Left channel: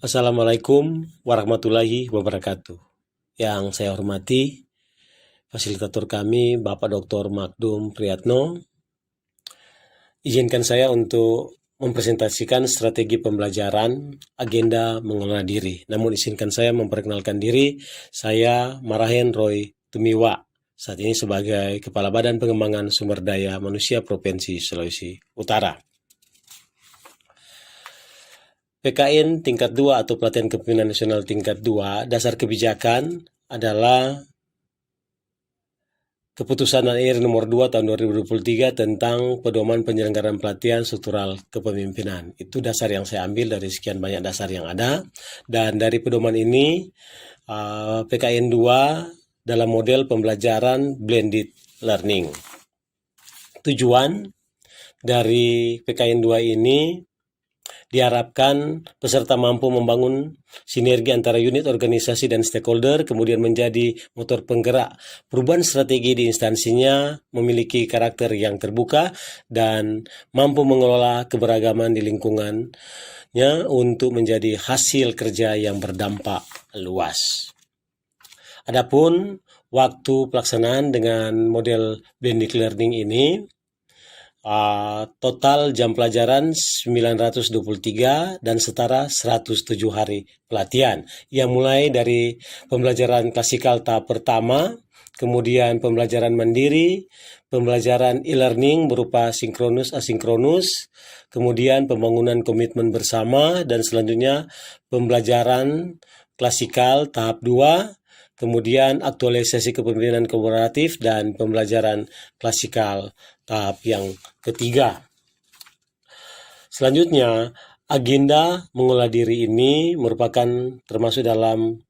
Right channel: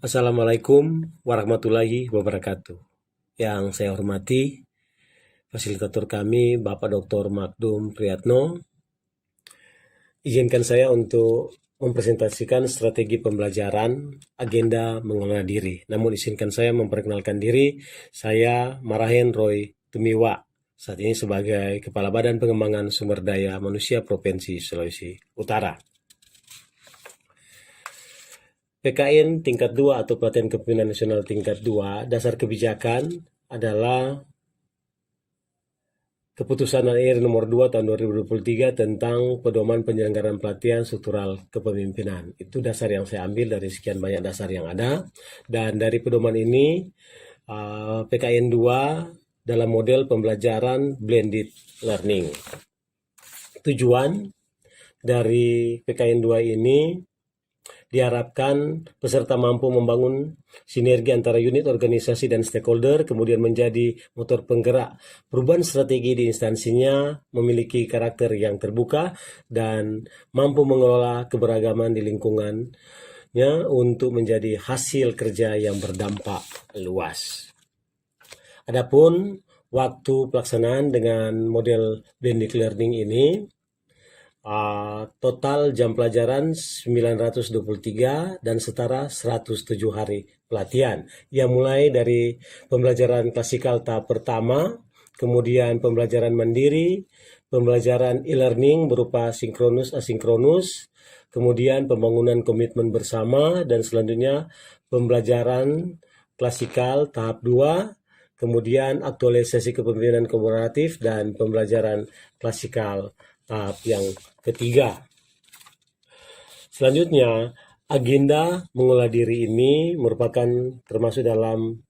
Assalamualaikum warahmatullahi wabarakatuh. Yang saya hormati, fasilitator kami Bapak Dr. Magdum Priyatno, izinkan saya untuk mempresentasikan strategi pembelajaran agenda mengelola diri. Namun izinkan saya memperkenalkan diri, saya Marahen Roy Tumiwa, saat ini sebagai Kepala Badan Pengembangan Sumber Daya Manusia Provinsi Sulawesi Utara. PKN tingkat 2 atau Pelatihan Kepemimpinan Nasional tingkat 2, dasar kebijakan adalah Keputusan AIR nomor 2 tahun 2023 tentang pedoman penyelenggaraan pelatihan struktural kepemimpinan. Itu dasar yang saya ambil dari sekian banyak dasar yang ada. Dan dari pedoman ini, PKN 2 dalam model pembelajaran blended learning. Tujuan dari PKN 2 ini diharapkan peserta mampu membangun sinergi antara unit organisasi dan stakeholder, kemudian menjadi motor penggerak perubahan strategi di instansinya, memiliki karakter yang terbuka, dan mampu mengelola keberagaman di lingkungannya untuk menjadi hasil kerja yang berdampak luas. Adapun waktu pelaksanaan dengan model blended learning ini, total jam pelajaran 923 dan setara 107 hari pelatihan yang mulai dari pembelajaran klasikal tahap pertama, kemudian pembelajaran mandiri, pembelajaran e-learning berupa sinkronus asinkronus, kemudian pembangunan komitmen bersama, dan selanjutnya pembelajaran klasikal tahap 2, kemudian aktualisasi kepemimpinan kolaboratif, dan pembelajaran klasikal tahap yang ketiga. Selanjutnya, agenda mengolah diri ini merupakan termasuk dalam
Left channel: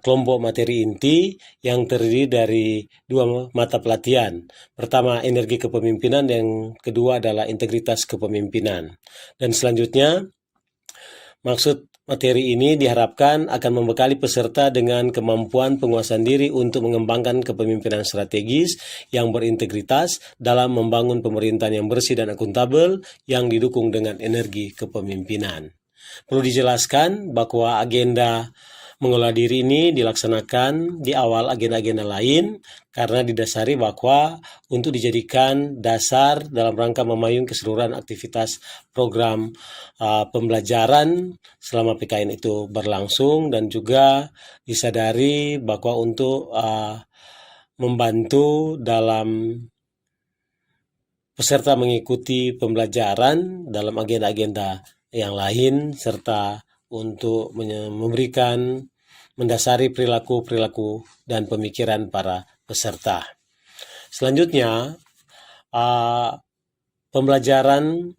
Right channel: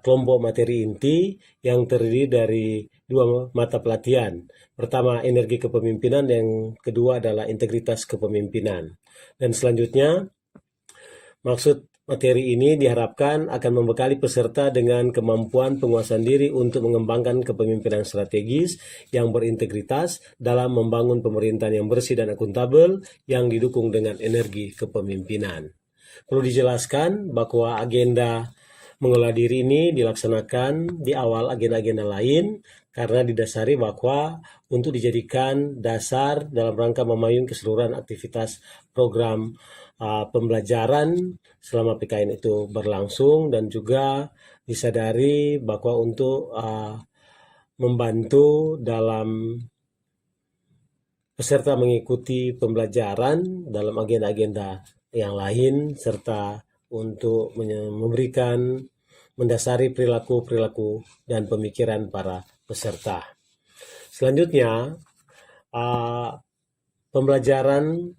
kelompok materi inti yang terdiri dari dua mata pelatihan. Pertama, energi kepemimpinan, dan kedua adalah integritas kepemimpinan. Dan selanjutnya, maksud materi ini diharapkan akan membekali peserta dengan kemampuan penguasaan diri untuk mengembangkan kepemimpinan strategis yang berintegritas dalam membangun pemerintahan yang bersih dan akuntabel yang didukung dengan energi kepemimpinan. Perlu dijelaskan bahwa agenda mengolah diri ini dilaksanakan di awal agenda-agenda lain karena didasari bahwa untuk dijadikan dasar dalam rangka memayung keseluruhan aktivitas program pembelajaran selama PKN itu berlangsung, dan juga disadari bahwa untuk membantu dalam peserta mengikuti pembelajaran dalam agenda-agenda yang lain, serta untuk memberikan mendasari perilaku-perilaku dan pemikiran para peserta. Selanjutnya, pembelajaran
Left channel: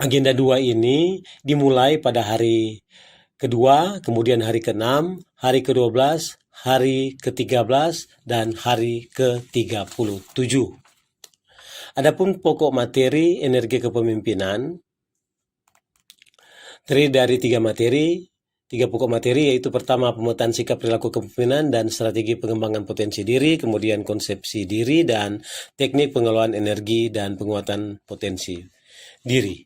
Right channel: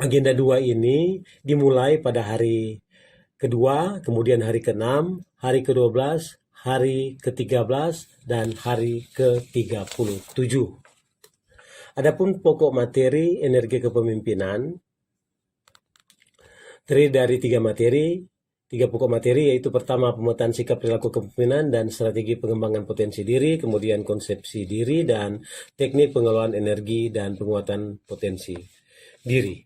agenda 2 ini dimulai pada hari kedua, kemudian hari ke-6, hari ke-12, hari ke-13, dan hari ke-37. Adapun pokok materi energi kepemimpinan terdiri dari tiga pokok materi, yaitu pertama pemetaan sikap perilaku kepemimpinan dan strategi pengembangan potensi diri, kemudian konsepsi diri, dan teknik pengelolaan energi dan penguatan potensi diri.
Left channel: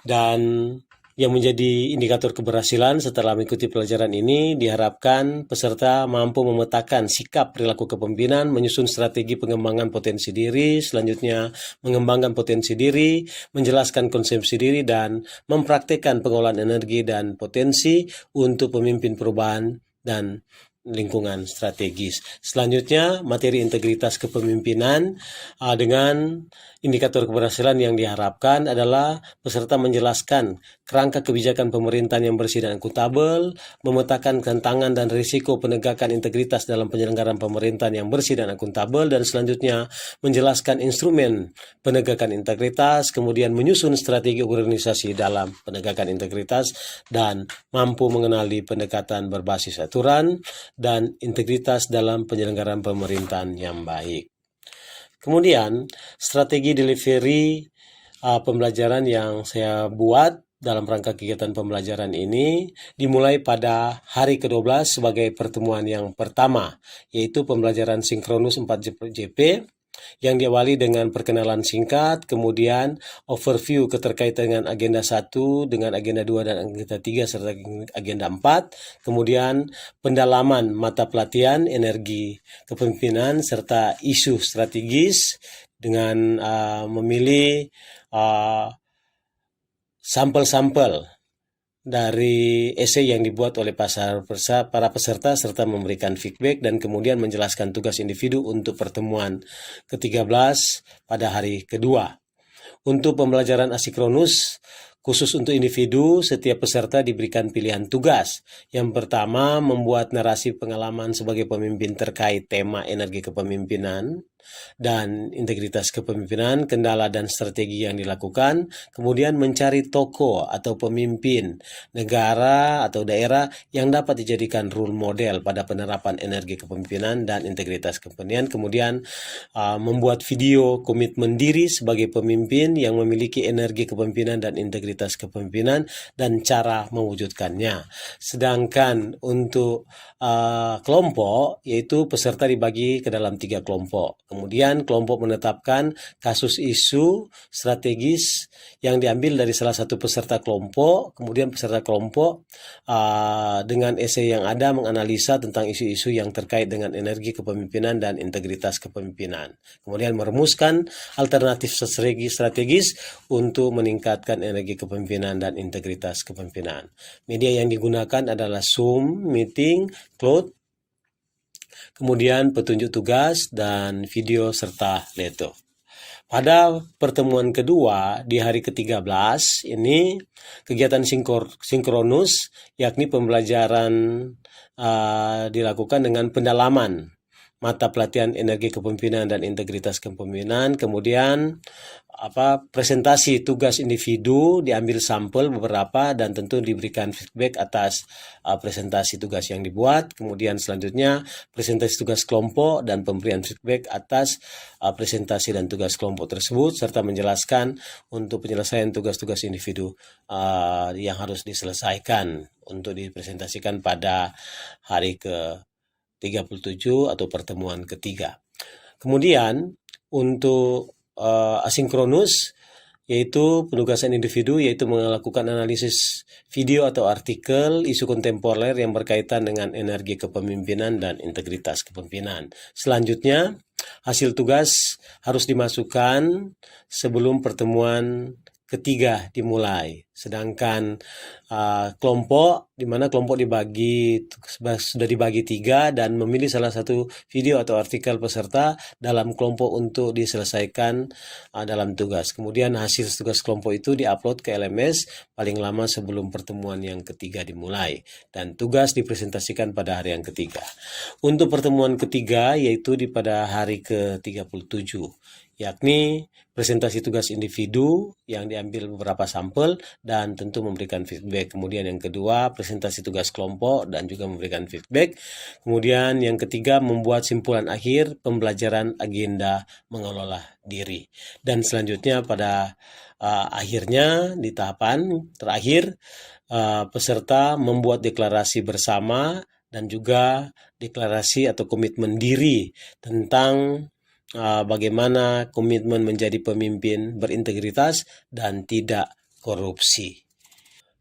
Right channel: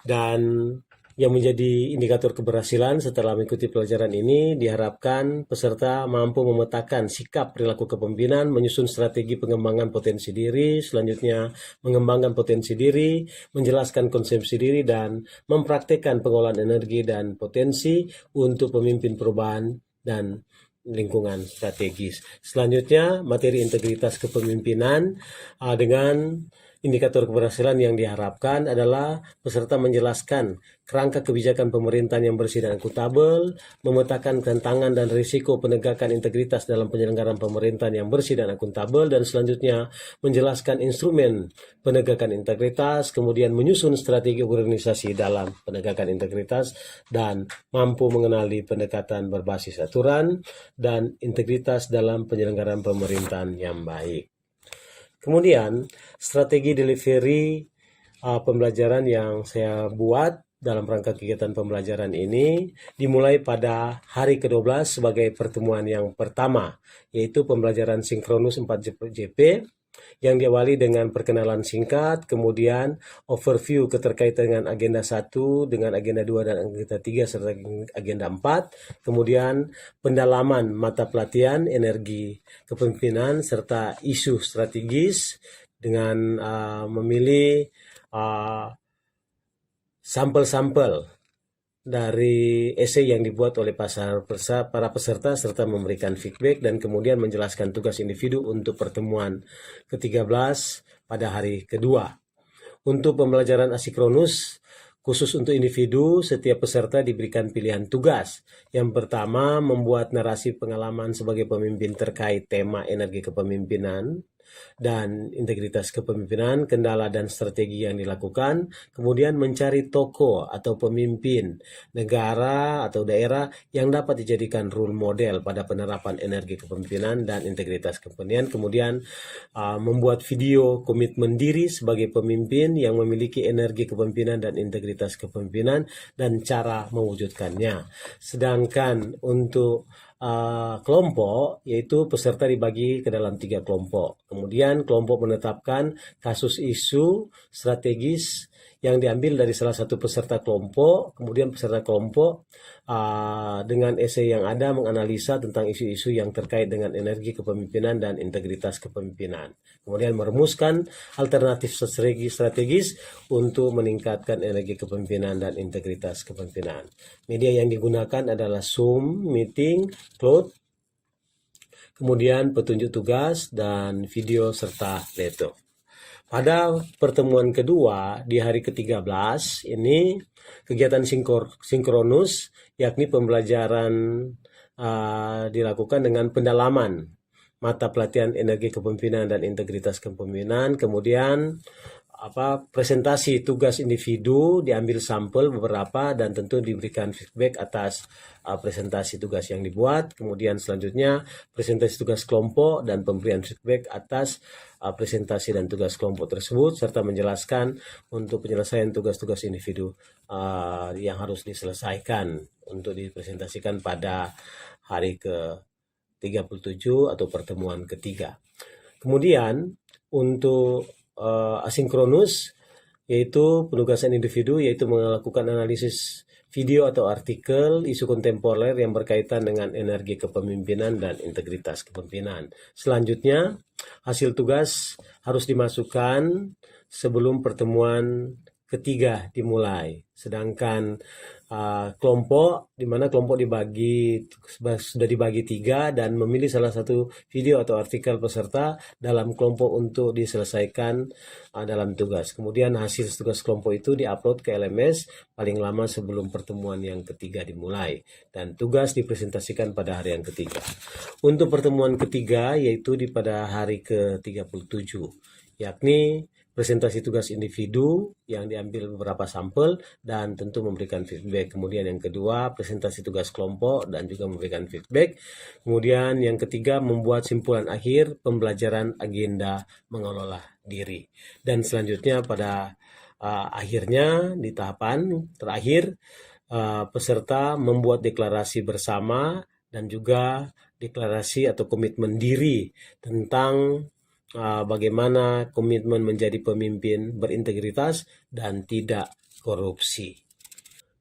Dan yang menjadi indikator keberhasilan setelah mengikuti pelajaran ini, diharapkan peserta mampu memetakan sikap perilaku kepemimpinan, menyusun strategi pengembangan potensi diri, selanjutnya mengembangkan potensi diri, menjelaskan konsepsi diri, dan mempraktikkan pengolahan energi dan potensi untuk pemimpin perubahan dan lingkungan strategis. Selanjutnya, materi integritas kepemimpinan dengan indikator keberhasilan yang diharapkan adalah peserta menjelaskan kerangka kebijakan pemerintahan yang bersih dan akuntabel, memetakan tantangan dan risiko penegakan integritas dalam penyelenggaraan pemerintahan yang bersih dan akuntabel, dan selanjutnya menjelaskan instrumen penegakan integritas, kemudian menyusun strategi organisasi dalam penegakan integritas, dan mampu mengenali pendekatan berbasis aturan dan integritas dalam penyelenggaraan pemerintahan yang baik. Kemudian, strategi delivery pembelajaran yang saya buat dalam rangka kegiatan pembelajaran ini dimulai pada hari ke-12 sebagai pertemuan yang pertama, yaitu pembelajaran sinkronus 4JP, yang diawali dengan perkenalan singkat, kemudian overview keterkaitan dengan agenda 1, dengan agenda 2 dan agenda 3 serta agenda 4, kemudian pendalaman mata pelatihan energi kepemimpinan serta isu strategis dengan memilih sampel-sampel dari esai yang dibuat oleh para peserta serta memberikan feedback dan kemudian menjelaskan tugas individu untuk pertemuan ke-13 pada hari kedua. Untuk pembelajaran asinkronus, khusus untuk individu, setiap peserta diberikan pilihan tugas. Yang pertama, membuat narasi pengalaman sebagai pemimpin terkait tema energi kepemimpinan dan integritas kepemimpinan, kendala dan strategi yang dilakukan, kemudian mencari tokoh atau pemimpin negara atau daerah yang dapat dijadikan role model pada penerapan energi kepemimpinan dan integritas kepemimpinan, kemudian membuat video komitmen diri sebagai pemimpin yang memiliki energi kepemimpinan dan integritas kepemimpinan dan cara mewujudkannya. Sedangkan untuk kelompok, yaitu peserta dibagi ke dalam 3 kelompok. Kemudian kelompok menetapkan kasus isu strategis yang diambil dari salah satu peserta kelompok. Kemudian peserta kelompok dengan esai yang ada menganalisa tentang isu-isu yang terkait dengan energi kepemimpinan dan integritas kepemimpinan. Kemudian merumuskan alternatif strategis untuk meningkatkan energi kepemimpinan dan integritas kepemimpinan. Media yang digunakan adalah Zoom, Meeting, Cloud, kemudian petunjuk tugas dan video serta leto. Pada pertemuan kedua di hari ke-13 ini kegiatan sinkronus, yakni pembelajaran dilakukan dengan pendalaman mata pelatihan energi kepemimpinan dan integritas kepemimpinan, kemudian presentasi tugas individu, diambil sampel beberapa dan tentu diberikan feedback atas presentasi tugas yang dibuat. Kemudian selanjutnya presentasi tugas kelompok dan pemberian feedback atas presentasi dan tugas kelompok tersebut serta menjelaskan untuk penyelesaian tugas-tugas individu yang harus diselesaikan untuk dipresentasikan pada hari ke-37 atau pertemuan ketiga. Kemudian untuk asinkronus, yaitu penugasan individu, yaitu melakukan analisis video atau artikel isu kontemporer yang berkaitan dengan energi kepemimpinan dan integritas kepemimpinan. Selanjutnya, hasil tugas harus dimasukkan sebelum pertemuan ketiga dimulai. Sedangkan kelompok, di mana kelompok sudah dibagi 3 dan memilih salah satu video atau artikel peserta dalam kelompok untuk diselesaikan dalam tugas. Kemudian hasil tugas kelompok itu diupload ke LMS paling lama sebelum pertemuan yang ketiga dimulai dan tugas dipresentasikan pada hari yang ketiga. Untuk pertemuan ketiga yaitu pada hari ke-37, yakni presentasi tugas individu yang diambil beberapa sampel dan tentu memberikan feedback. Kemudian yang kedua, presentasi tugas kelompok dan juga memberikan feedback. Kemudian yang ketiga, membuat simpulan akhir pembelajaran agenda mengelola diri. Dan selanjutnya pada akhirnya di tahapan terakhir, peserta membuat deklarasi bersama dan juga deklarasi atau komitmen diri tentang bagaimana komitmen menjadi pemimpin berintegritas dan tidak korupsi.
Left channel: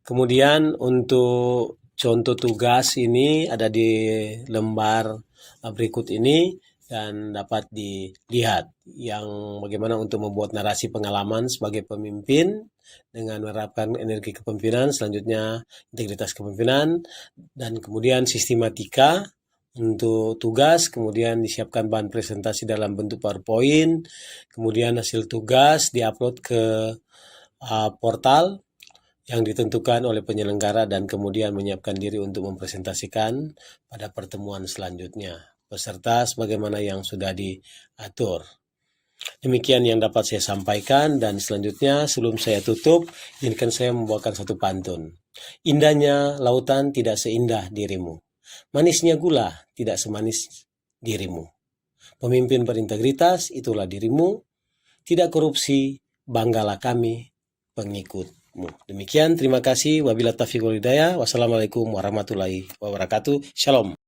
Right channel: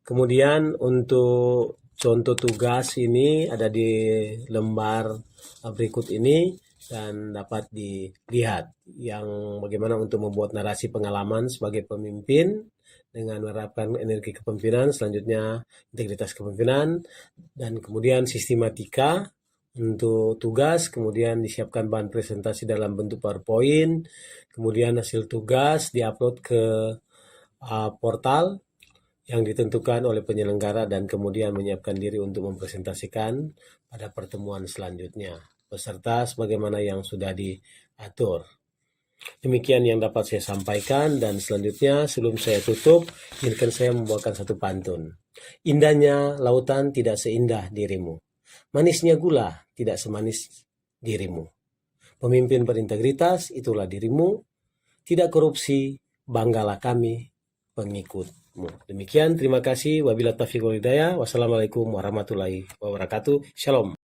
Kemudian untuk contoh tugas ini ada di lembar berikut ini dan dapat dilihat yang bagaimana untuk membuat narasi pengalaman sebagai pemimpin dengan menerapkan energi kepemimpinan, selanjutnya integritas kepemimpinan, dan kemudian sistematika untuk tugas, kemudian disiapkan bahan presentasi dalam bentuk PowerPoint, kemudian hasil tugas diupload ke portal yang ditentukan oleh penyelenggara dan kemudian menyiapkan diri untuk mempresentasikan pada pertemuan selanjutnya peserta sebagaimana yang sudah diatur. Demikian yang dapat saya sampaikan dan selanjutnya sebelum saya tutup, izinkan saya membawakan satu pantun. Indahnya lautan tidak seindah dirimu. Manisnya gula tidak semanis dirimu. Pemimpin berintegritas itulah dirimu. Tidak korupsi, banggalah kami pengikutmu. Demikian, terima kasih. Wabillahi taufiq wal hidayah. Wassalamualaikum warahmatullahi wabarakatuh. Shalom.